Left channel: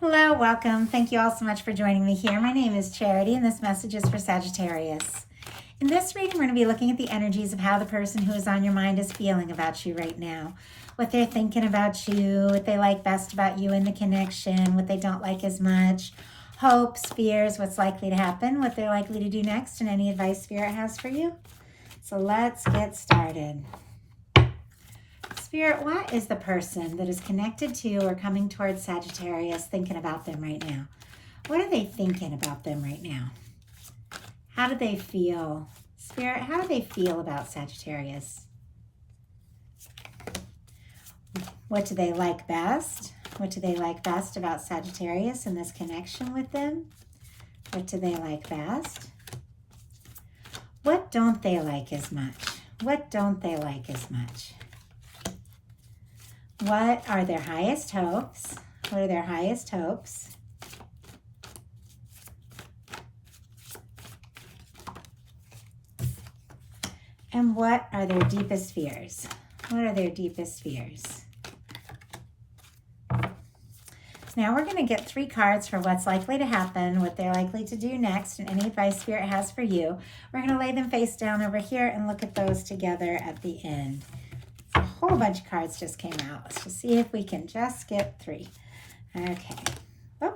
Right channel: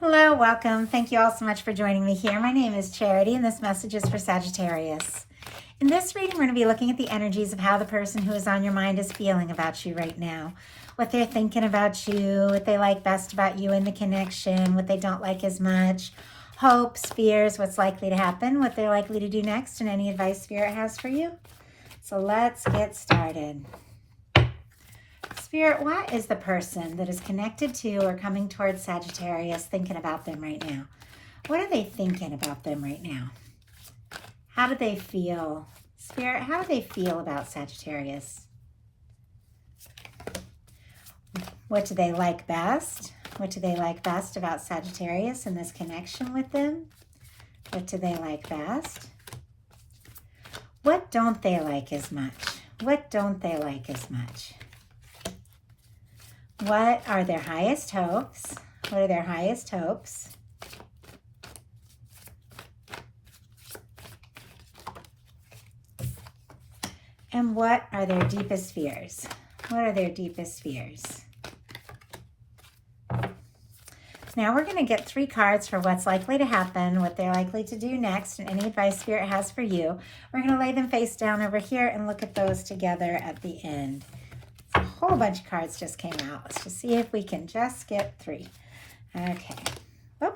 Hello, welcome. Thank you all so much for joining me here. My name is Charity, and this message is for Sagittarius. In this reading, we're going to be looking at the energies of how the person who is on your mind is feeling about you right now. What they're thinking about you, what they like best about you in the connection, what they don't like as much, hopes, fears, what's likely to happen, what they're likely to do next, and any advice Spirit has for you. So let's get started. Spirit, what is the person that is connected to or coming towards Sagittarius thinking about them right now? What are they thinking about them right now? How do they feel? Spirit, how do they feel about Sagittarius? What do they like best? What do they like best about Sagittarius and this connection with them? What do they like best? What don't they like as much? What don't they like as much? What are their highest hopes? What are their highest hopes? And what are their deepest fears? What are their deepest fears? Now we're going to get 3 cards for what's likely to happen, what they're likely to do next, and any advice Spirit has for you. We're going to lay them face down over here and look at those together at the end. A whole bunch of cards just came out. Let's just see if we can just get 3. Okay. Oh,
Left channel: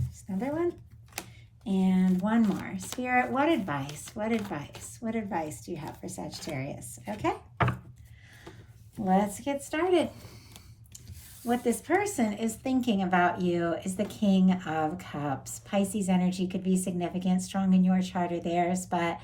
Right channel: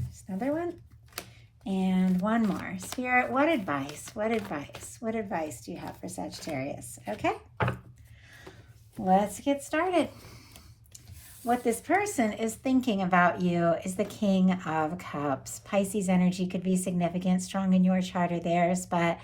there's another one. And one more. Spirit, what advice? What advice? What advice do you have for Sagittarius? Okay. Let's get started. What this person is thinking about you is the King of Cups. Pisces energy could be significant, strong in your chart or theirs, but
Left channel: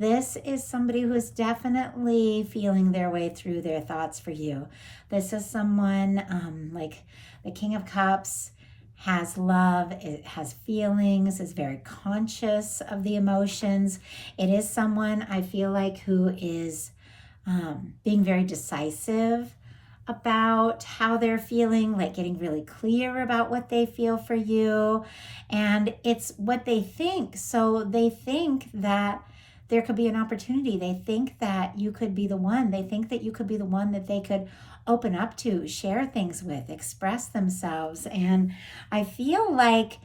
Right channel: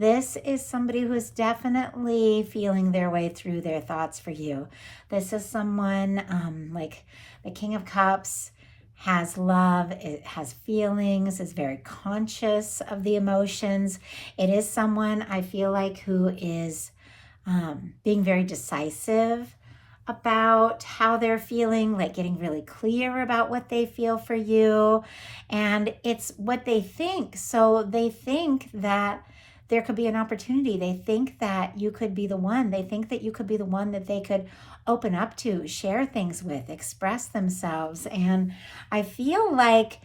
this is somebody who is definitely feeling their way through their thoughts for you. This is someone like the King of Cups has love, it has feelings, is very conscious of the emotions. It is someone I feel like who is being very decisive about how they're feeling, like getting really clear about what they feel for you. And it's what they think. So they think that there could be an opportunity. They think that you could be the one. They think that you could be the one that they could open up to, share things with, express themselves. And I feel like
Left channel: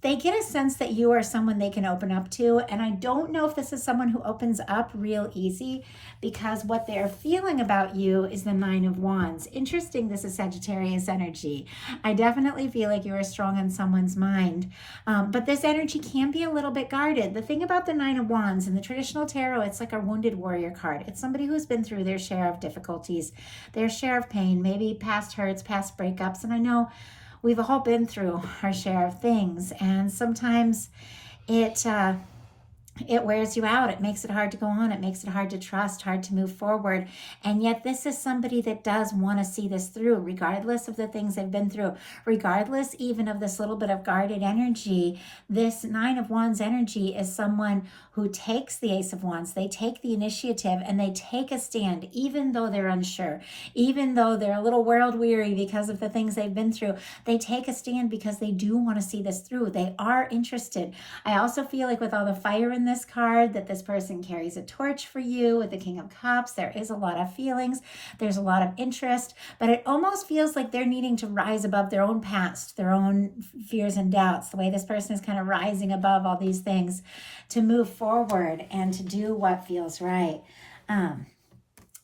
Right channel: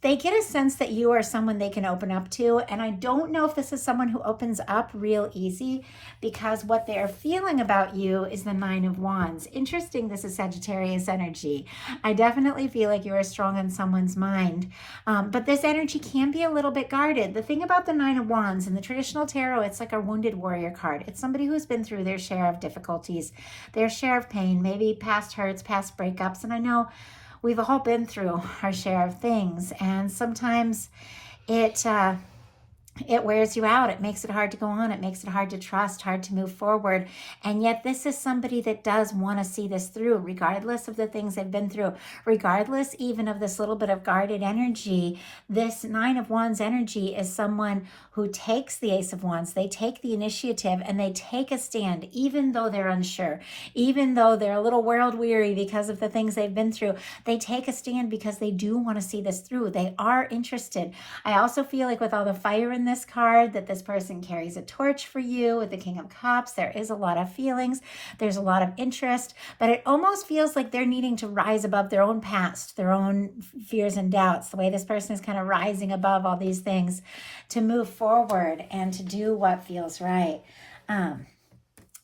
they get a sense that you are someone they can open up to. And I don't know if this is someone who opens up real easy, because what they're feeling about you is the 9 of Wands. Interesting, this is Sagittarius energy. I definitely feel like you are strong in someone's mind, but this energy can be a little bit guarded. The thing about the 9 of Wands in the traditional tarot, it's like a wounded warrior card. It's somebody who's been through their share of difficulties, their share of pain, maybe past hurts, past breakups. And I know we've all been through our share of things, and sometimes it wears you out. It makes it hard to go on. It makes it hard to trust, hard to move forward. And yet this is somebody that does want to see this through, regardless of the things they've been through, regardless even of this little bit of guarded energy. This 9 of Wands energy is someone who takes the Ace of Wands. They take the initiative and they take a stand, even though they're unsure, even though they're a little world weary because of the things they've been through. They take a stand because they do want to see this through. They are interested. I also feel like with all the fire in this card, that this person carries a torch for you. With the King of Cups, there is a lot of feelings, there's a lot of interest, but it almost feels like they're needing to rise above their own past, their own fears and doubts, the way this person is kind of rising above all these things to move forward and to do what feels right. I'm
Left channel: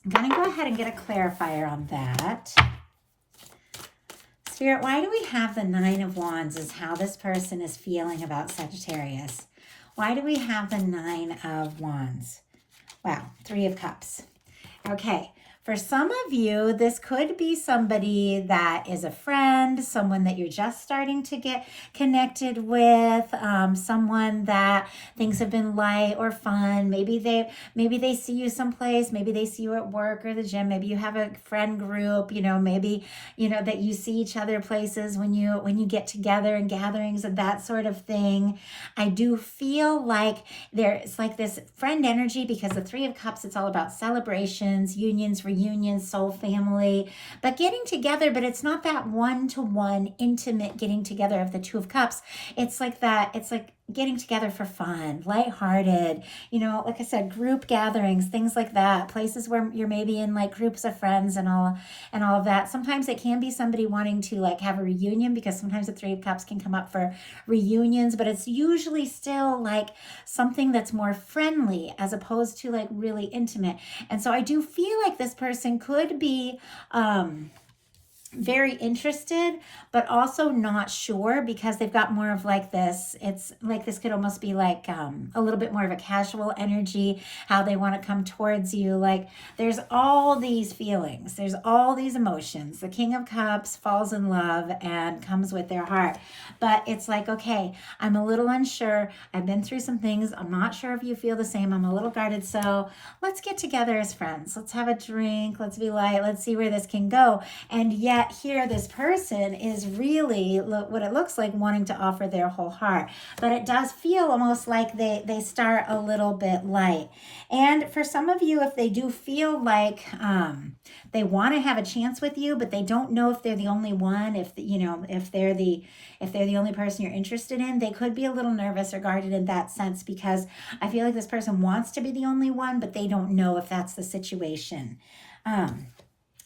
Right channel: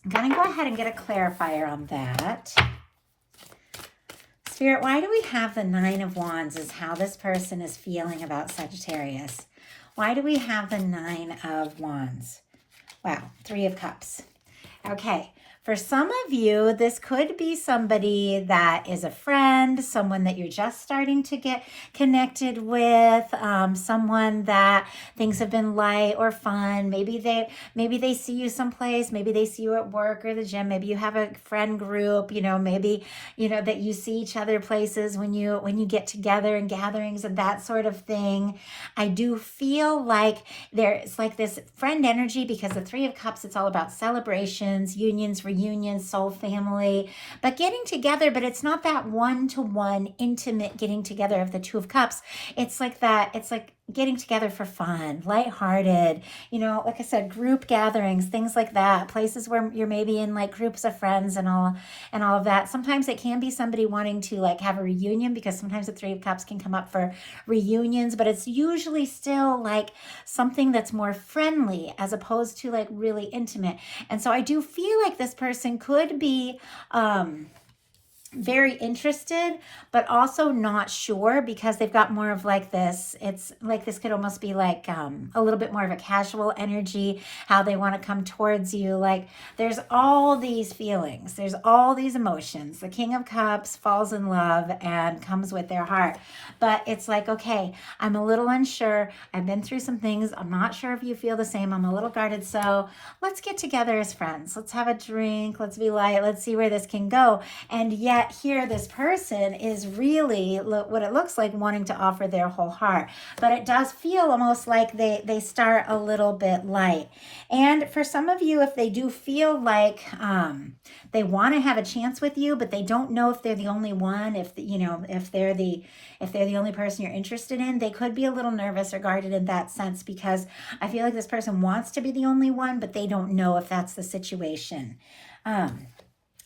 going to go ahead and get a clarifier on that. Spirit, why do we have the 9 of Wands as how this person is feeling about Sagittarius? Why do we have the 9 of Wands? Wow, 3 of Cups. Okay, for some of you, this could be somebody that is a friend, someone that you're just starting to get connected with, someone that things have been light or fun. Maybe they see you someplace, maybe they see you at work or the gym, maybe you have a friend group, maybe that you see each other places when you get together in gatherings and that sort of thing. I do feel like there's like this friend energy, because the 3 of Cups, it's all about celebrations, unions, reunions, soul family, but getting together, but it's not that one-to-one intimate getting together of the Two of Cups. It's like that. It's like getting together for fun, lighthearted, like I said, group gatherings, things like that, places where you're maybe in like groups of friends and all of that. Sometimes it can be somebody wanting to like have a reunion, because sometimes the Three of Cups can come up for reunions, but it's usually still like something that's more friendly as opposed to like really intimate. And so I do feel like this person could be very interested, but also not sure, because they've got more of like this, it's like this could almost be like a little bit more of a casual energy, how they want to come towards you. Like there's all these feelings, there's all these emotions. The King of Cups falls in love and comes with their heart, but it's like, okay, I'm a little unsure, I've been through some things, I'm not sure if you feel the same, I'm a little guarded, so let's get together as friends, let's have a drink, let's be light, let's see where this can go. And yet here this person is really what it looks like wanting to offer their whole heart, but it does feel almost like they start a little bit light. And for some of you, if they do feel like they want to have a chance with you, but they don't know if they're the only one, if they're the only person you're interested in, they could be a little nervous or guarded in that sense, because I feel like this person wants to be the only one, but they don't know if that's the situation.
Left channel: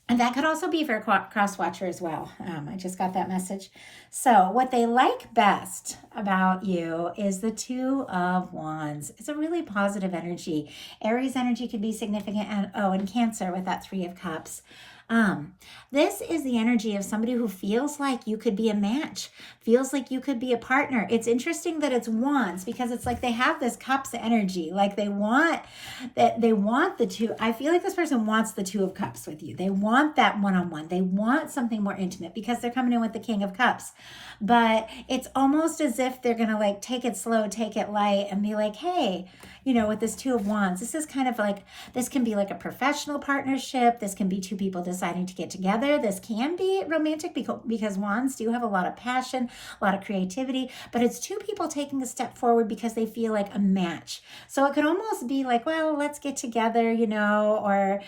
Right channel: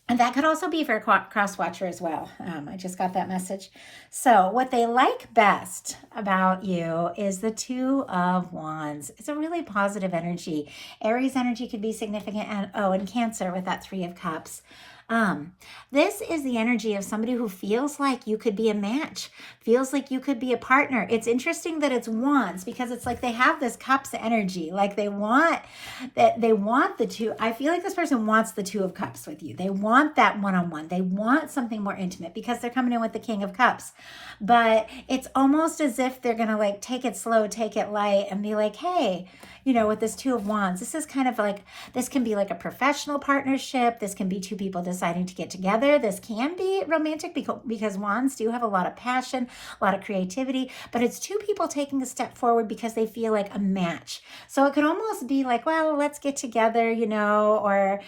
And that could also be for a cross watcher as well. I just got that message. So what they like best about you is the Two of Wands. It's a really positive energy. Aries energy could be significant, and Cancer with that Three of Cups. This is the energy of somebody who feels like you could be a match, feels like you could be a partner. It's interesting that it's Wands, because it's like they have this Cups energy, like they want the two. I feel like this person wants the Two of Cups with you. They want that one-on-one. They want something more intimate, because they're coming in with the King of Cups. But it's almost as if they're gonna like take it slow, take it light, and be like, hey, with this Two of Wands, this is kind of like, this can be like a professional partnership. This can be two people deciding to get together. This can be romantic, because Wands do have a lot of passion, a lot of creativity, but it's two people taking a step forward because they feel like a match. So it could almost be like, well, let's get together, or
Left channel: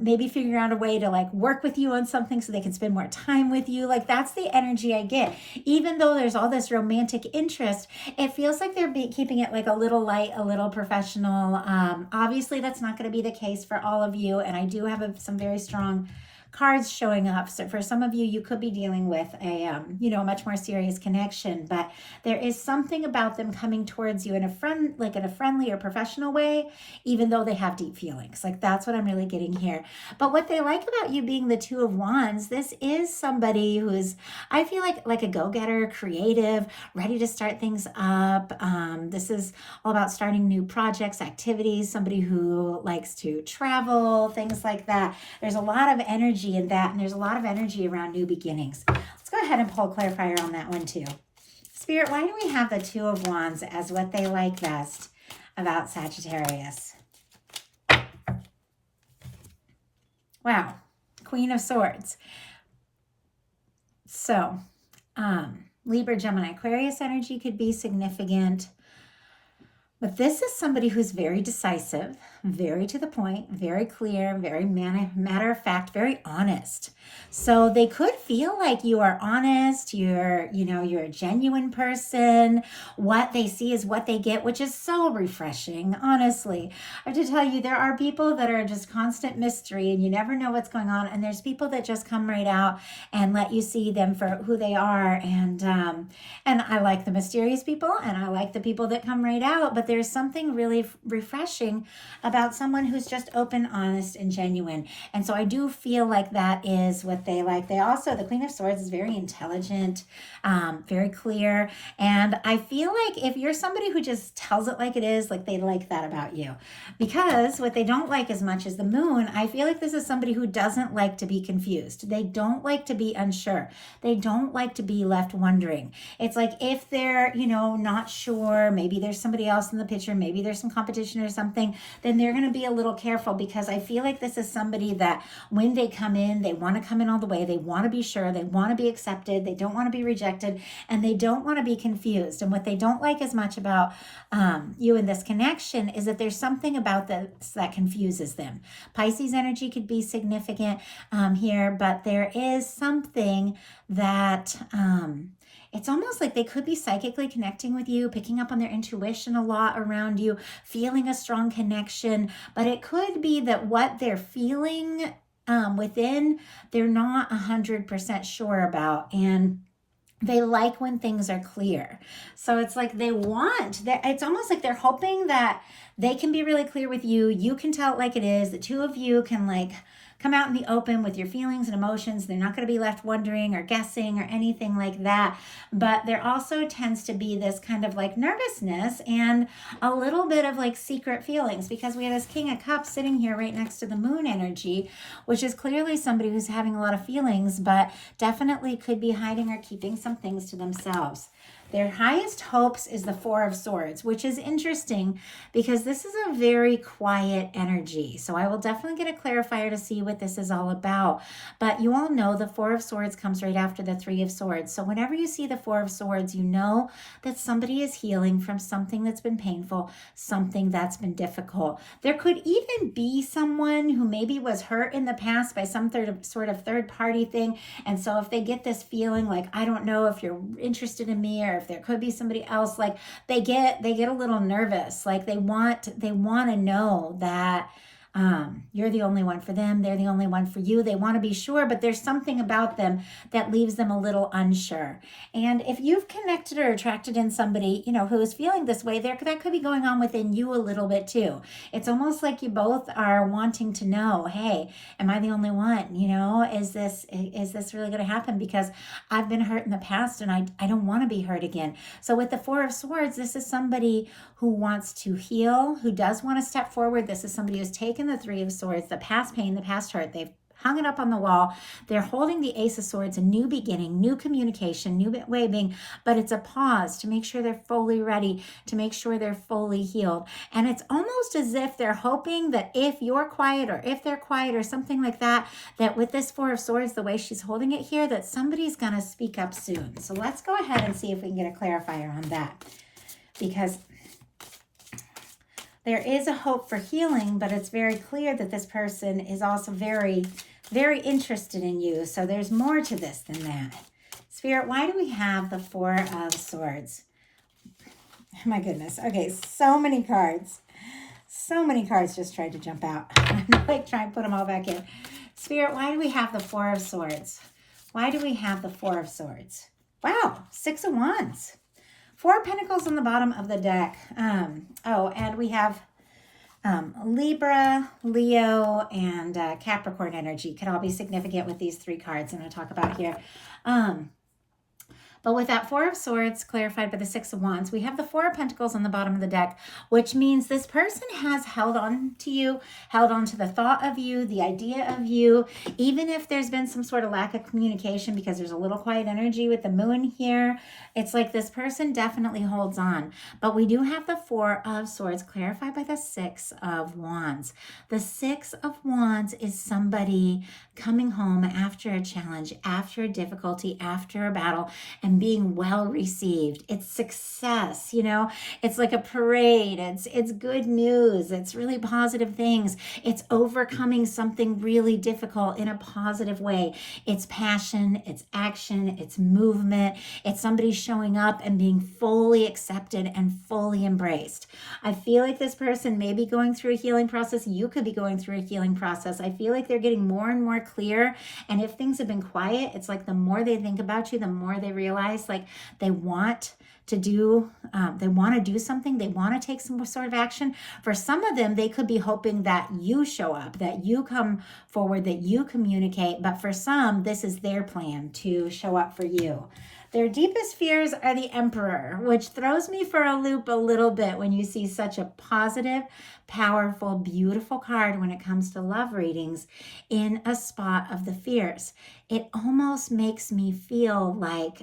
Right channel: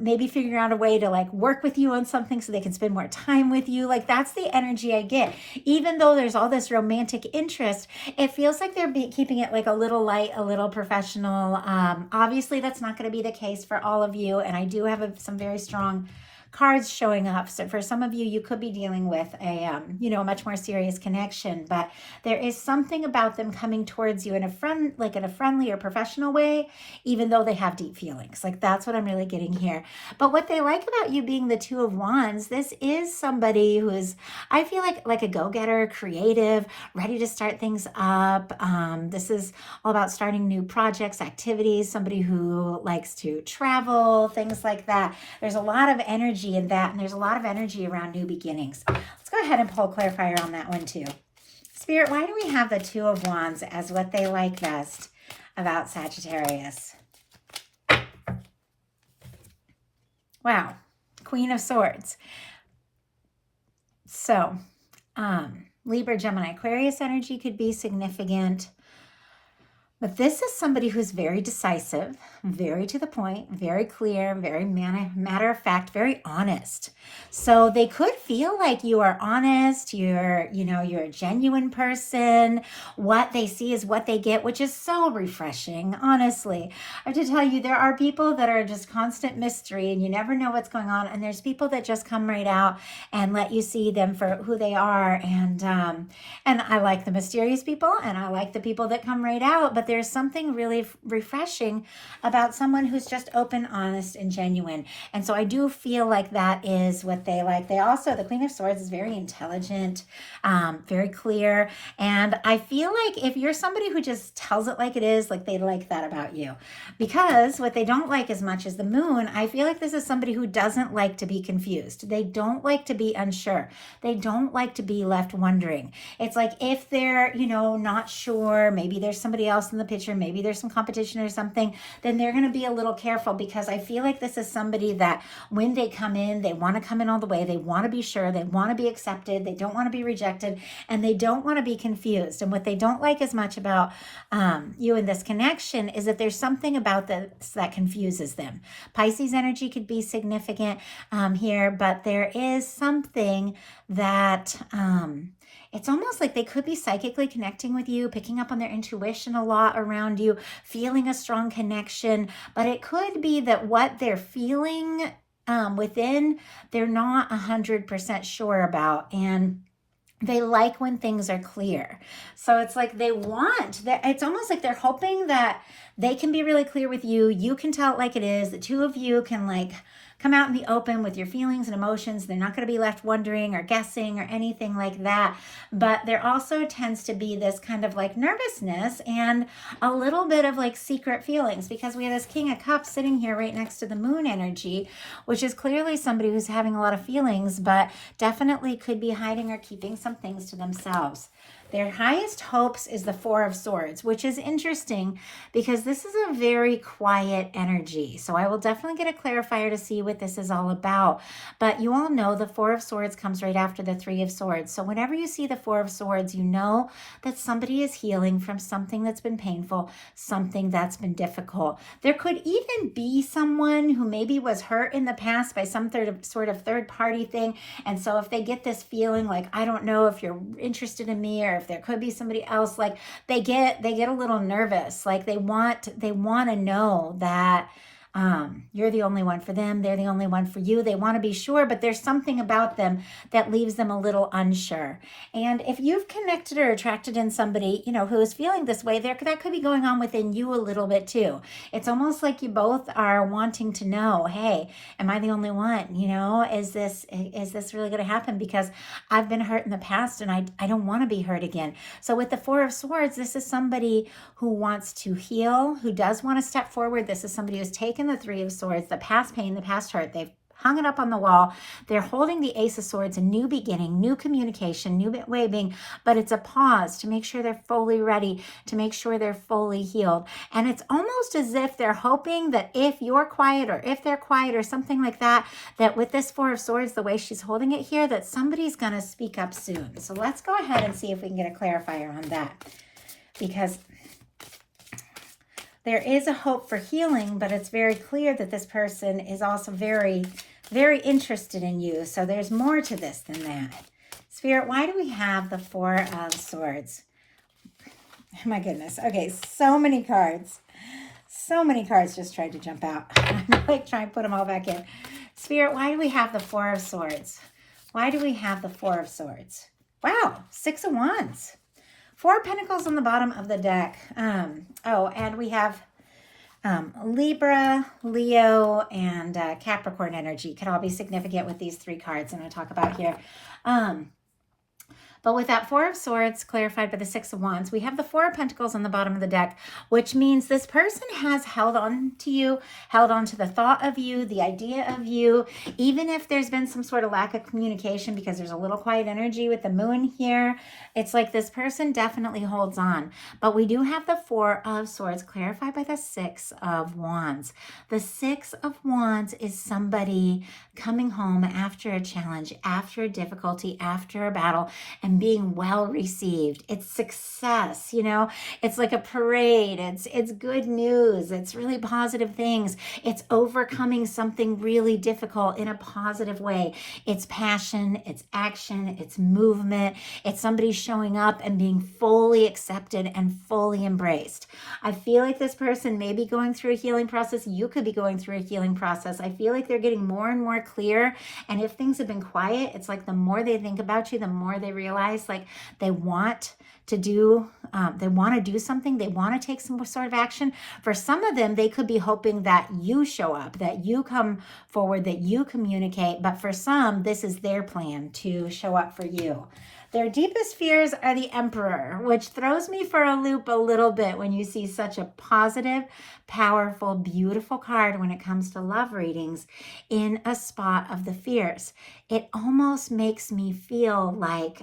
maybe figure out a way to like work with you on something so they can spend more time with you. Like that's the energy I get. Even though there's all this romantic interest, it feels like they're keeping it like a little light, a little professional. Obviously that's not going to be the case for all of you, and I do have some very strong cards showing up. So for some of you, you could be dealing with a much more serious connection, but there is something about them coming towards you in a friendly or professional way, even though they have deep feelings. Like that's what I'm really getting here. But what they like about you being the Two of Wands, this is somebody who is, I feel like a go-getter, creative, ready to start things up. This is all about starting new projects, activities, somebody who likes to travel, things like that. There's a lot of energy in that, and there's a lot of energy around new beginnings. Let's go ahead and pull a clarifier on that one too. Spirit, why do we have the Two of Wands as what they like best about Sagittarius? Wow, Queen of Swords. So, Libra, Gemini, Aquarius energy could be significant. But this is somebody who's very decisive, very to the point, very clear, very matter of fact, very honest. So they could feel like you are honest, you're a genuine person. What they see is what they get, which is so refreshing, honestly. I have to tell you, there are people that are just constant mystery and you never know what's going on. And there's people that just come right out and let you see them for who they are. And I like the mysterious people, and I like the people that come right out, but there's something really refreshing about someone who's just open, honest, and genuine. And so I do feel like that is what they like. They also, the Queen of Swords is very intelligent, very clear. And I feel like if you're somebody who just tells it like it is, like they like that about you. Because what they don't like as much as the Moon, I feel like this is somebody who doesn't like to be confused. They don't like to be unsure. They don't like to be left wondering. It's like if they're, not sure, maybe there's somebody else in the picture, maybe there's some competition or something, then and they're going to be a little careful, because I feel like this is somebody that when they come in, they want to come in all the way. They want to be sure. They want to be accepted. They don't want to be rejected, and they don't want to be confused. And what they don't like as much about you in this connection is that there's something about this that confuses them. Pisces energy could be significant here, but there is something that it's almost like they could be psychically connecting with you, picking up on their intuition a lot around you, feeling a strong connection. But it could be that what they're feeling within, they're not 100% sure about. And they like when things are clear. So it's like it's almost like they're hoping that they can be really clear with you. You can tell it like it is. The two of you can like come out in the open with your feelings and emotions. They're not going to be left wondering or guessing or anything like that. But there also tends to be this kind of like nervousness and a little bit of like secret feelings, because we have this King of Cups sitting here right next to the moon energy, which is clearly somebody who's having a lot of feelings, but definitely could be hiding or keeping some things to themselves. Their highest hopes is the Four of Swords, which is interesting because this is a very quiet energy. So I will definitely get a clarifier to see what this is all about. But you all know the Four of Swords comes right after the Three of Swords. So whenever you see the Four of Swords, you know that somebody is healing from something that's been painful, something that's been difficult. There could even be someone who maybe was hurt in the past by some sort of third party thing. And so if they get this feeling like, I don't know if you're interested in me, or if there could be somebody else, like they get a little nervous, like they want to know that you're the only one for them, they're the only one for you. They want to be sure, but there's something about them that leaves them a little unsure. And if you've connected or attracted in somebody, who is feeling this way, that could be going on within you a little bit too. It's almost like you both are wanting to know, hey, am I the only one? Is this really going to happen? Because I've been hurt in the past and I don't want to be hurt again. So with the Four of Swords, this is somebody who wants to heal, who does want to step forward. This is somebody who's taken the Three of Swords, the past pain, the past hurt. They've hung it up on the wall. They're holding the Ace of Swords, a new beginning, new communication, new way of being, but it's a pause to make sure they're fully ready, to make sure they're fully healed. And it's almost as if they're hoping that if you're quiet or if they're quiet or something like that, that with this Four of Swords, the way she's holding it here, that somebody's going to speak up soon. So let's go ahead and see if we can get a clarifier on that, because there is a hope for healing, but it's very clear that this person is also very, very interested in you. So there's more to this than that. Spirit, why do we have the Four of Swords? Oh my goodness. Okay, so many cards. So many cards just tried to jump out. I'm like trying to put them all back in. Spirit, why do we have the Four of Swords? Why do we have the Four of Swords? Wow, Six of Wands. Four Pentacles on the bottom of the deck. And we have Libra, Leo, and Capricorn energy. Could all be significant with these three cards I'm going to talk about here. But with that Four of Swords clarified by the Six of Wands, we have the Four of Pentacles on the bottom of the deck, which means this person has held on to you, held on to the thought of you, the idea of you, even if there's been some sort of lack of communication, because there's a little quiet energy with the moon here. It's like this person definitely holds on. But we do have the Four of Swords clarified by the Six of Wands. The Six of Wands is somebody coming home after a challenge, after a difficulty, after a battle, and being well received. It's success, it's like a parade. It's good news. It's really positive things. It's overcoming something really difficult in a positive way. It's passion, it's action, it's movement. It's somebody showing up and being fully accepted and fully embraced. I feel like this person may be going through a healing process. You could be going through a healing process. I feel like they're getting more and more clear. And if things have been quiet, it's like the more they think about you, the more they realize like they want to do something. They want to take some sort of action. For some of them, they could be hoping that you show up, that you come forward, that you communicate. But for some, this is their plan to show up for you. Their deepest fears are the Emperor, which throws me for a loop a little bit when you see such a positive, powerful, beautiful card when it comes to love readings in a spot of the fears. It almost makes me feel like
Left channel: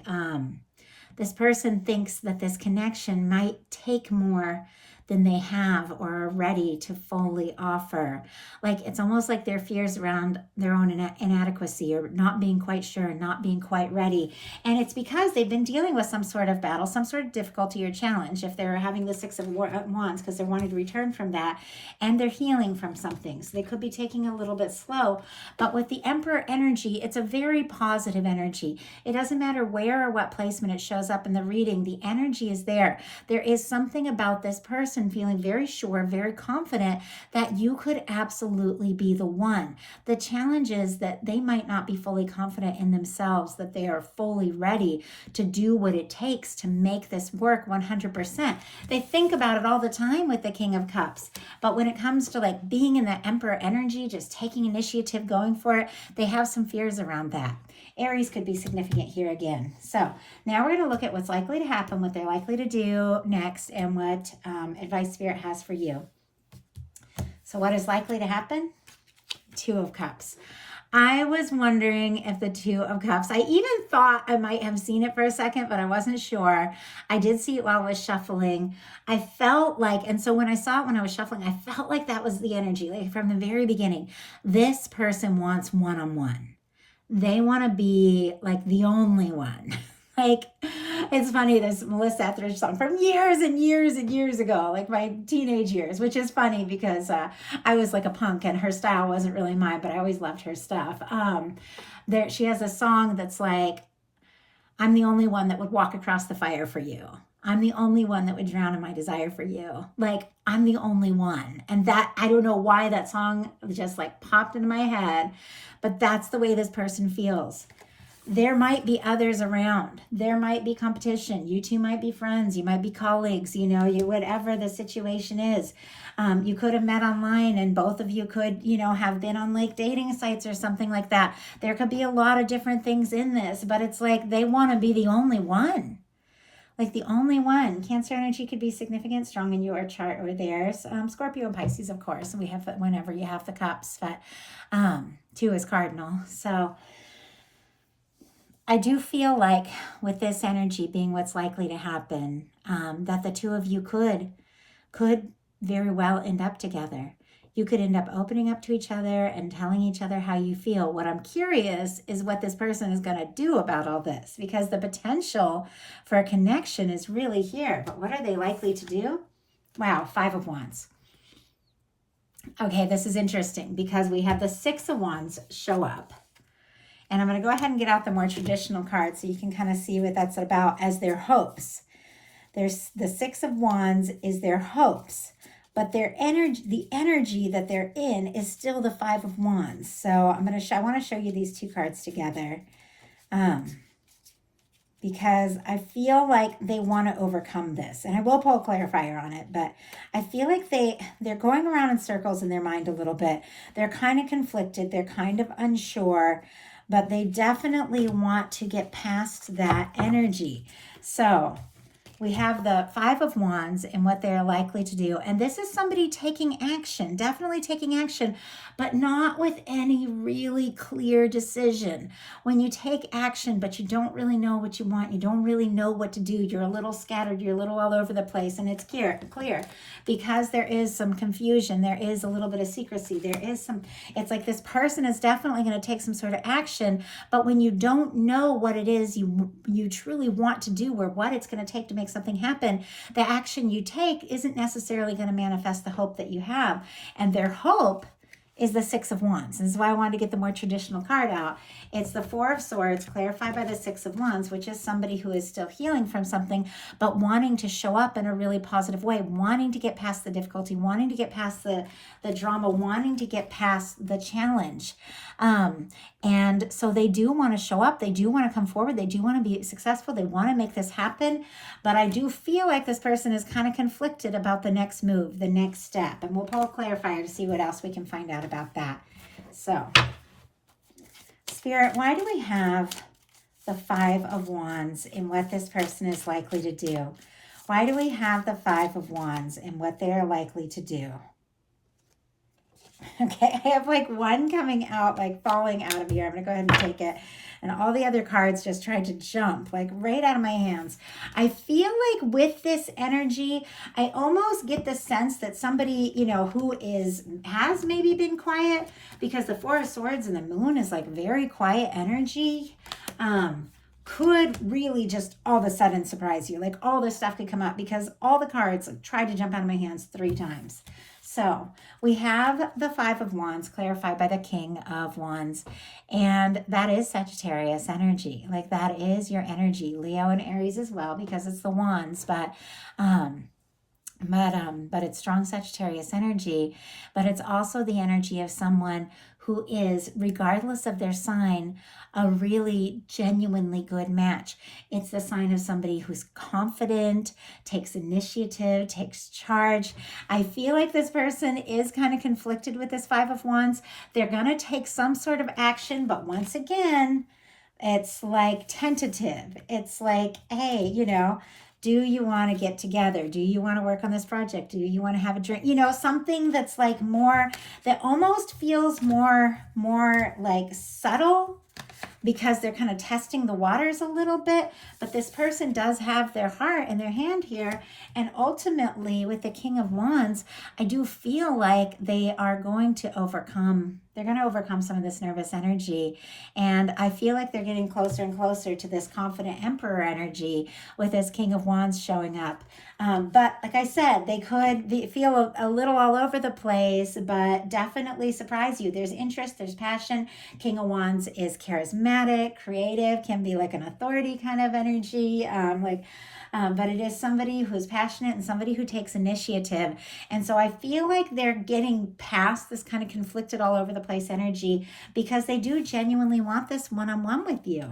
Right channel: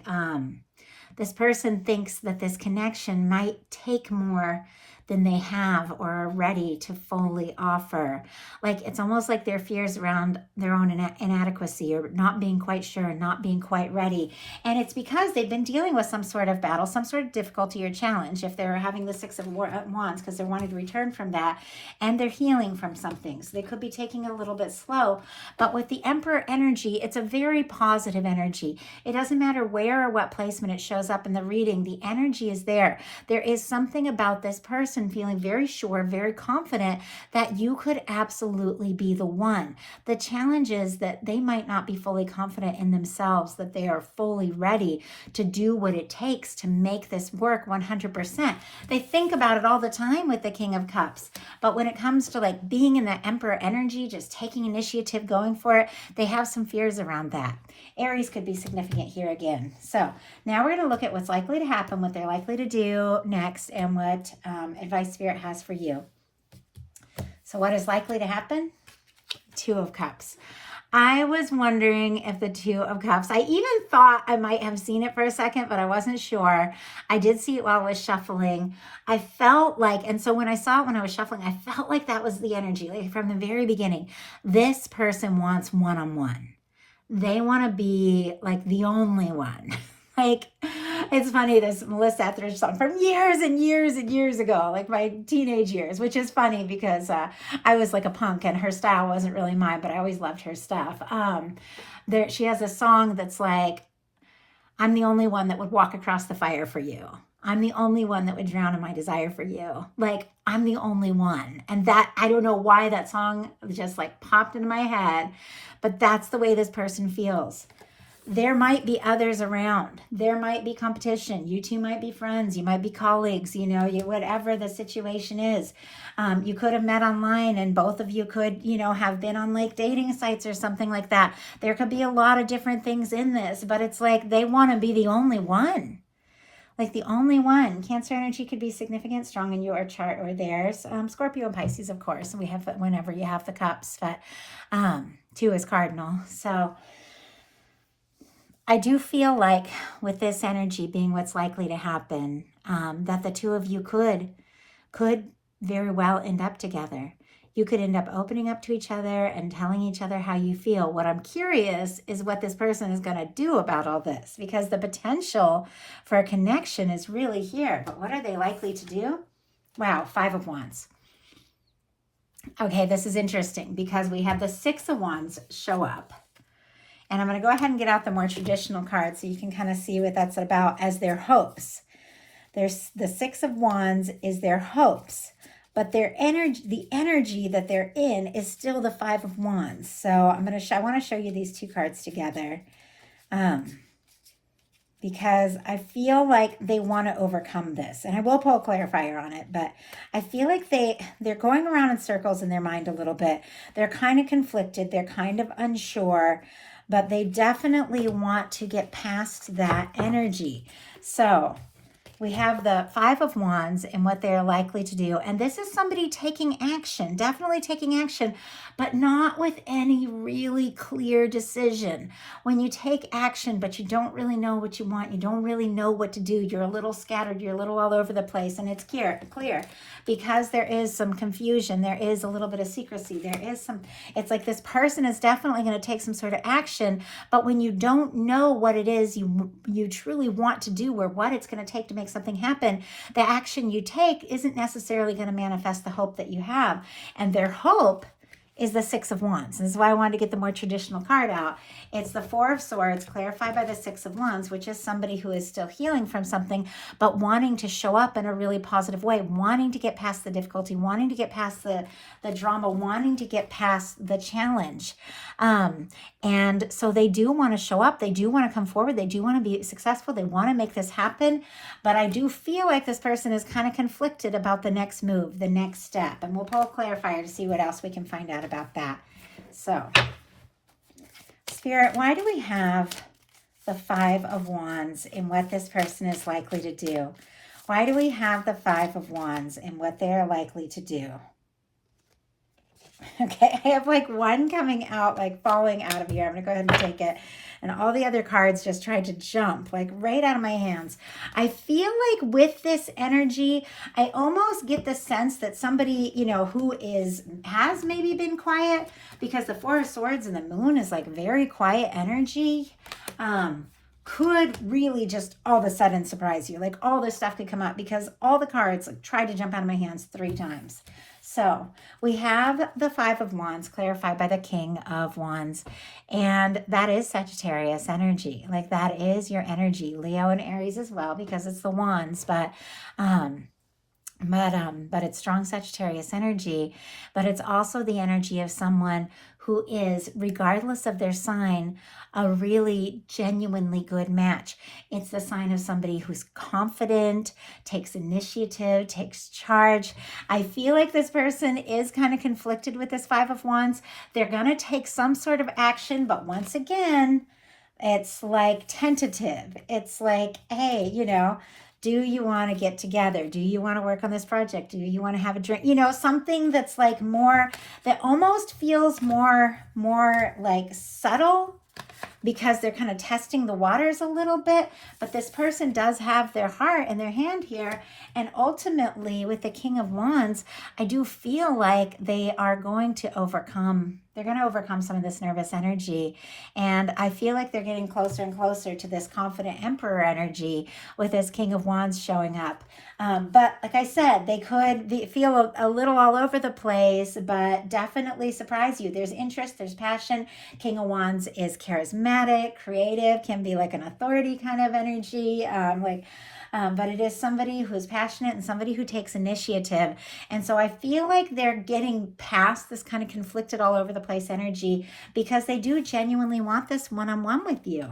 this person thinks that this connection might take more than they have or are ready to fully offer. Like it's almost like their fears around their own inadequacy or not being quite sure, not being quite ready. And it's because they've been dealing with some sort of battle, some sort of difficulty or challenge. If they're having the Six of Wands, because they're wanting to return from that, and they're healing from something. So they could be taking a little bit slow. But with the Emperor energy, it's a very positive energy. It doesn't matter where or what placement it shows up in the reading, the energy is there. There is something about this person feeling very sure, very confident that you could absolutely be the one. The challenge is that they might not be fully confident in themselves, that they are fully ready to do what it takes to make this work 100%. They think about it all the time with the King of Cups, but when it comes to like being in the Emperor energy, just taking initiative, going for it, they have some fears around that. Aries could be significant here again. So now we're going to look at what's likely to happen, what they're likely to do next, and what advice Spirit has for you. So what is likely to happen? Two of Cups. I was wondering if the Two of Cups, I even thought I might have seen it for a second, but I wasn't sure. I did see it while I was shuffling. I felt like, and so when I saw it when I was shuffling, I felt like that was the energy, like from the very beginning. This person wants one-on-one. They want to be like the only one. Like, it's funny, this Melissa Etheridge song from years and years and years ago, like my teenage years, which is funny because I was like a punk and her style wasn't really mine, but I always loved her stuff. She has a song that's like, I'm the only one that would walk across the fire for you. I'm the only one that would drown in my desire for you. Like, I'm the only one. And that, I don't know why that song just like popped into my head, but that's the way this person feels. There might be others around. There might be competition. You two might be friends. You might be colleagues, you know, whatever the situation is. You could have met online and both of you could, you know, have been on like dating sites or something like that. There could be a lot of different things in this, but it's like they want to be the only one. Like the only one. Cancer energy could be significant, strong in your chart or theirs. Scorpio and Pisces, of course. And we have whenever you have the cups, but 2 is cardinal. So I do feel like with this energy being what's likely to happen, that the two of you could very well end up together. You could end up opening up to each other and telling each other how you feel. What I'm curious is what this person is going to do about all this, because the potential for a connection is really here. But what are they likely to do? Wow, 5 of Wands. Okay, this is interesting because we have the 6 of Wands show up. And I'm going to go ahead and get out the more traditional cards so you can kind of see what that's about as their hopes. There's the 6 of Wands is their hopes, but their energy, the energy that they're in is still the 5 of Wands. So I want to show you these 2 cards together because I feel like they want to overcome this. And I will pull a clarifier on it, but I feel like they're going around in circles in their mind a little bit. They're kind of conflicted. They're kind of unsure, but they definitely want to get past that energy. So we have the 5 of Wands and what they're likely to do. And this is somebody taking action, definitely taking action, but not with any really clear decision. When you take action, but you don't really know what you want, you don't really know what to do, you're a little scattered, you're a little all over the place, and it's clear because there is some confusion, there is a little bit of secrecy, it's like this person is definitely going to take some sort of action, but when you don't know what it is you truly want to do or what it's going to take to make something happen, the action you take isn't necessarily going to manifest the hope that you have. And their hope is the 6 of Wands. This is why I wanted to get the more traditional card out. It's the 4 of Swords clarified by the 6 of Wands, which is somebody who is still healing from something, but wanting to show up in a really positive way, wanting to get past the difficulty, wanting to get past the drama, wanting to get past the challenge. And so they do want to show up. They do want to come forward. They do want to be successful. They want to make this happen. But I do feel like this person is kind of conflicted about the next move, the next step. And we'll pull a clarifier to see what else we can find out about that. So, Spirit, why do we have the 5 of Wands in what this person is likely to do? Why do we have the 5 of Wands in what they are likely to do? Okay, I have like one coming out, like falling out of here. I'm gonna go ahead and take it. And all the other cards just tried to jump like right out of my hands. I feel like with this energy, I almost get the sense that somebody, you know, who has maybe been quiet, because the Four of Swords and the Moon is like very quiet energy. Could really just all of a sudden surprise you. Like all this stuff could come up because all the cards tried to jump out of my hands 3 times. So we have the Five of Wands clarified by the King of Wands, and that is Sagittarius energy. Like that is your energy, Leo and Aries as well, because it's the wands, but it's strong Sagittarius energy, but it's also the energy of someone who is, regardless of their sign, a really genuinely good match. It's the sign of somebody who's confident, takes initiative, takes charge. I feel like this person is kind of conflicted with this Five of Wands. They're going to take some sort of action, but once again, it's like tentative. It's like, hey, you know, do you want to get together? Do you want to work on this project? Do you want to have a drink? You know, something that's like more, that almost feels more like subtle, because they're kind of testing the waters a little bit. But this person does have their heart in their hand here. And ultimately, with the King of Wands, I do feel like they are going to overcome. They're going to overcome some of this nervous energy. And I feel like they're getting closer and closer to this confident Emperor energy with this King of Wands showing up. But like I said, they could feel a little all over the place, but definitely surprise you. There's interest, there's passion. King of Wands is charismatic, creative, can be like an authority kind of energy, but it is somebody who's passionate and somebody who takes initiative. And so I feel like they're getting past this kind of conflicted all over the place energy, because they do genuinely want this one-on-one with you.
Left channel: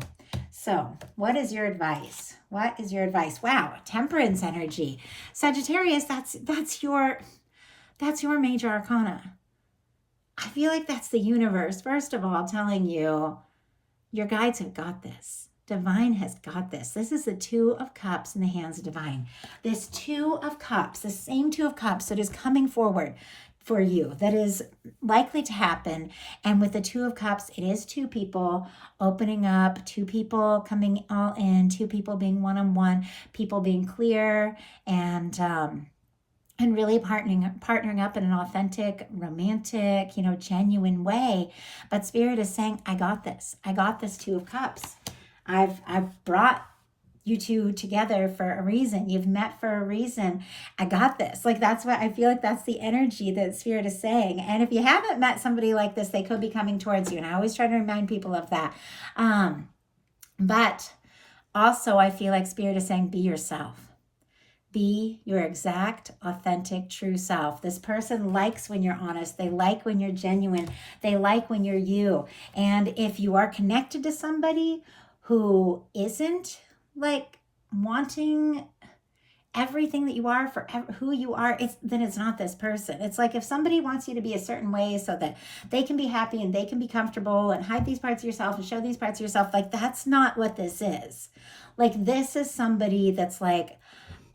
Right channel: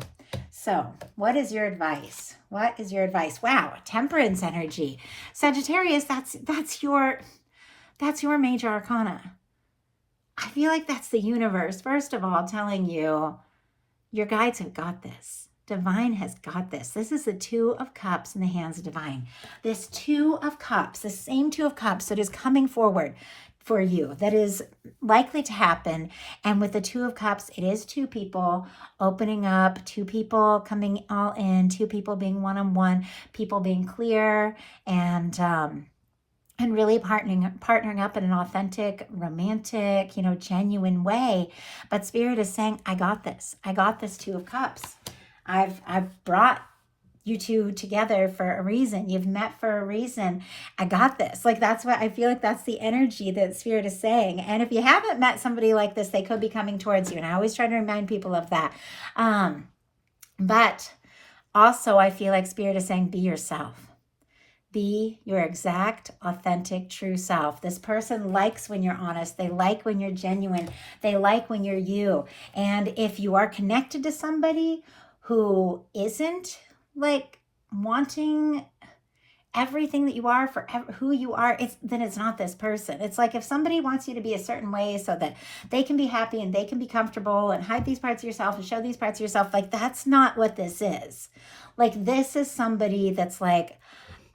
So what is your advice? What is your advice? Wow, Temperance energy. Sagittarius, that's your major arcana. I feel like that's the universe, first of all, telling you your guides have got this. Divine has got this. This is the Two of Cups in the hands of Divine. This Two of Cups, the same Two of Cups that is coming forward for you, that is likely to happen. And with the Two of Cups, it is two people opening up, two people coming all in, two people being one-on-one, people being clear and really partnering up in an authentic, romantic, genuine way. But Spirit is saying, I got this. I got this Two of Cups. I've brought you two together for a reason. You've met for a reason. I got this. Like, that's what I feel like, that's the energy that Spirit is saying. And if you haven't met somebody like this, they could be coming towards you. And I always try to remind people of that. But also I feel like Spirit is saying, be yourself. Be your exact, authentic, true self. This person likes when you're honest. They like when you're genuine. They like when you're you. And if you are connected to somebody who isn't like wanting everything that you are for who you are, then it's not this person. It's like if somebody wants you to be a certain way so that they can be happy and they can be comfortable and hide these parts of yourself and show these parts of yourself, like that's not what this is. Like this is somebody that's like,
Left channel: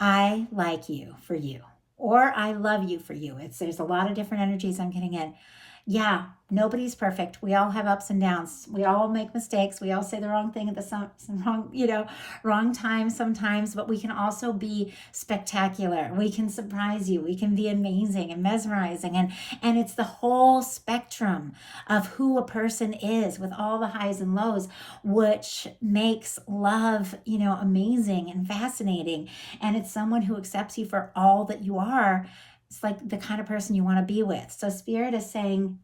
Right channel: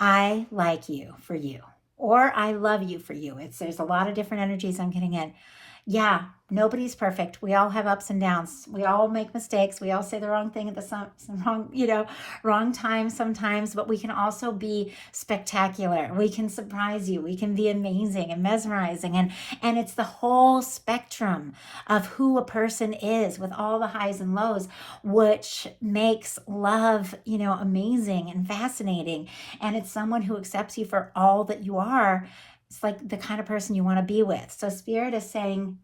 I like you for you, or I love you for you. There's a lot of different energies I'm getting in. Yeah, nobody's perfect. We all have ups and downs. We all make mistakes. We all say the wrong thing at the wrong time sometimes, but we can also be spectacular. We can surprise you. We can be amazing and mesmerizing. And it's the whole spectrum of who a person is with all the highs and lows, which makes love, amazing and fascinating. And it's someone who accepts you for all that you are. It's like the kind of person you want to be with. So Spirit is saying,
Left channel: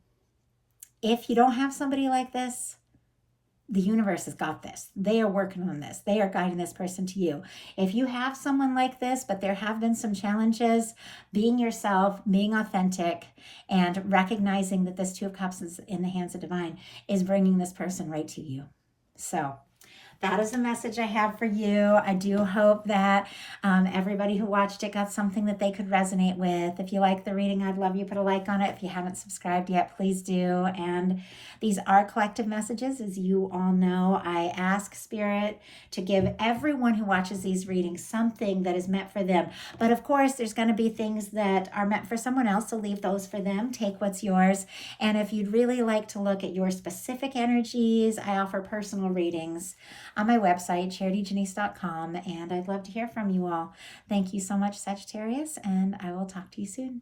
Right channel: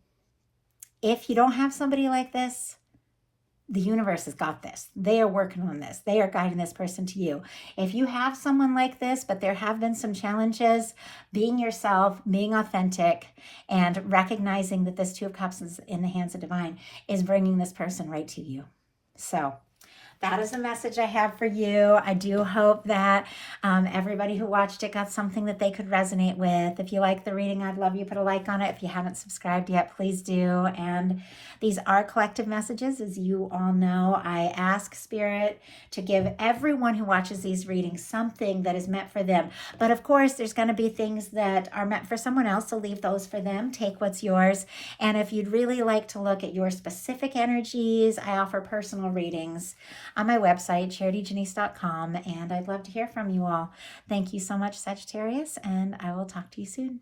if you don't have somebody like this, the universe has got this. They are working on this. They are guiding this person to you. If you have someone like this, but there have been some challenges, being yourself, being authentic, and recognizing that this Two of Cups is in the hands of Divine is bringing this person right to you. So that is a message I have for you. I do hope that everybody who watched it got something that they could resonate with. If you like the reading, I'd love you put a like on it. If you haven't subscribed yet, please do. And these are collective messages, as you all know. I ask Spirit to give everyone who watches these readings something that is meant for them. But of course, there's going to be things that are meant for someone else, so leave those for them. Take what's yours. And if you'd really like to look at your specific energies, I offer personal readings on my website, charityjanice.com, and I'd love to hear from you all. Thank you so much, Sagittarius, and I will talk to you soon.